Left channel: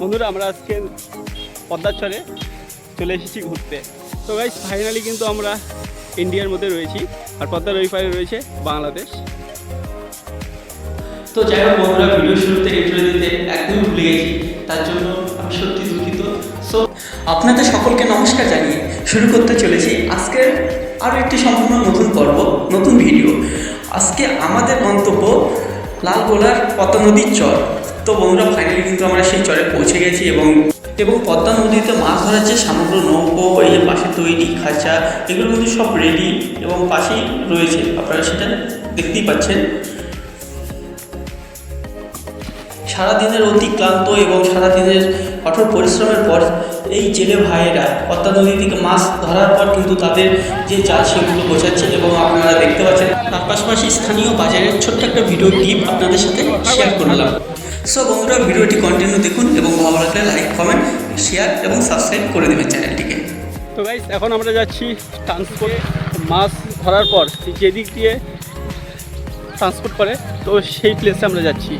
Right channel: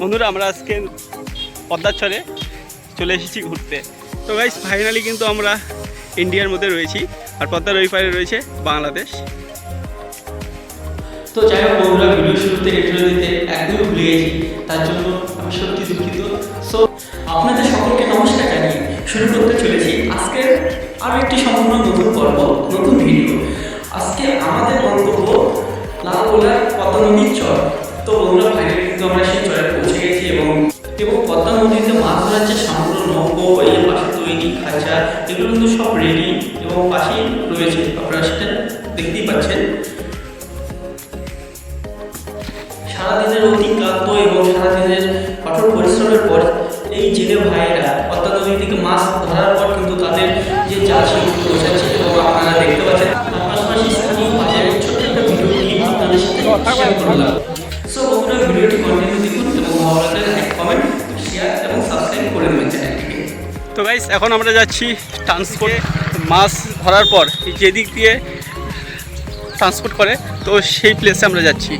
বন্ধুরা, আমরা আজকে পদ্মার চরে চলে এসেছি ঘুরতে। তো গাইস ফাইনালি কিন্তু আমরা ইন্ডিয়ার মধ্যে রয়েছি আর পদ্মার ওই পারে রয়েছে বাংলাদেশ। তো যাই হোক বন্ধুরা, ভিডিও শুরুতে ইন্ট্রো দিতে একদমই ভুলে গেছি, তার জন্য আমি সত্যি দুঃখিত। সো আপনাদের সকলকে নমস্কার জানিয়ে শুরু করতে চলেছি আজকের আরও একটি সম্পূর্ণ নতুন পর্ব, নতুন ভিডিও। আজকে আমাদের গন্তব্য লালগোলার পদ্মা নদীর চর। তো বন্ধুরা ফাইনালি কিন্তু আমরা সেই চরে পৌঁছে গেছি এবং এবং পদ্মা নদীতে মাছ ধরার যে সামগ্র, নৌকো, এই যে পাশে তৈরি খাঁচা, এগুলো কিন্তু সব রেডি এবং পাশেই রয়েছে। আপনারা সেটা দেখতেই পাচ্ছেন। সারাদিনের অতি ক্লান্ত এবং সারাদিনের কঠোর পরিশ্রমের পর এই জেলে ভাইয়েরা পদ্মা নদী থেকে মাছ ধরার পর কিন্তু তাদের যে জাল সেগুলো গোছাচ্ছে এবং আপনারা দেখতে পাচ্ছেন, তার পাশাপাশি স্থানীয় বাজারের ছোট্ট একটা ভিডিও ক্লিপ আপনাদের সাথে শেয়ার করলাম। সো বন্ধুরা ভিডিওটি কন্টিনিউ দেখুন এবং ভালো লাগলে লাইক কমেন্ট শেয়ার এবং সাবস্ক্রাইব করে দেবেন চ্যানেলটিকে তো গাইস এখন আমরা যাচ্ছি ট্রান্সপোর্টে মাছ ধরার পর যেদিক দিয়ে ট্রান্সপোর্ট করে, তো সেই প্লেসে আমরা যাচ্ছি।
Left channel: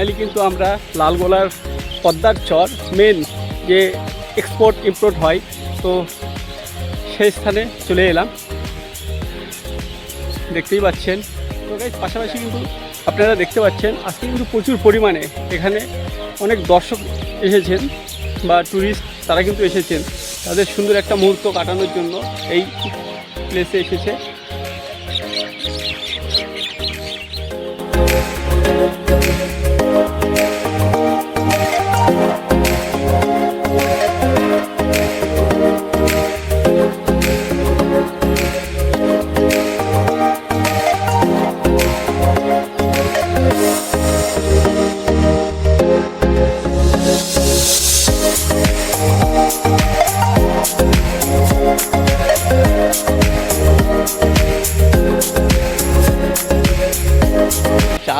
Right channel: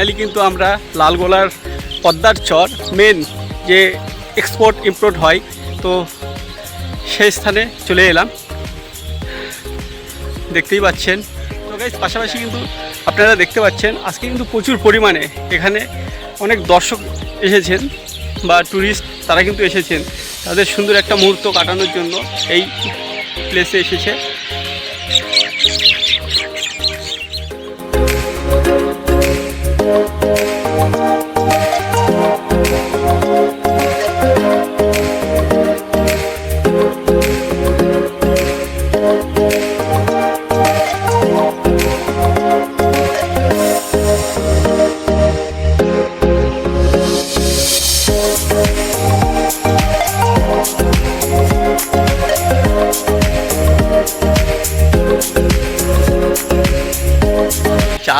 ফাইনালি কিন্তু আমরা লালগোলার পদ্মার চর মেন যে এক্সপোর্ট ইম্পোর্ট হয়, তো সেই স্থানে চলে এলাম। দেখতেই পাচ্ছেন। তো গাইজ পাশাপাশি কিন্তু আপনারা দেখতে পাচ্ছেন, আজকে কিন্তু প্রচুর পরিমাণে এখানে অনেক দর্শক এসেছেন বা ট্যুরিস্ট তারা কিন্তু এসেছেন। তাদের সুন্দর একটা মুহূর্ত কাটানোর জন্য এই প্লেসে এসেছে।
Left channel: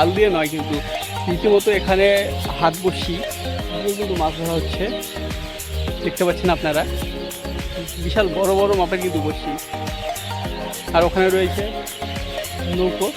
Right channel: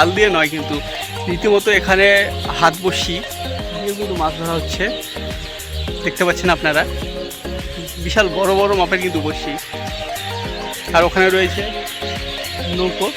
জাল দিয়ে নয়, কিন্তু রীতিমতো এখানে হাত বসি দিয়ে কিন্তু মাছ ধরা হচ্ছে। দেখতে পাচ্ছেন আপনারা, বিশাল বড় বড় মাপের কিন্তু বসি আর ওখানে রয়েছে নৌকো।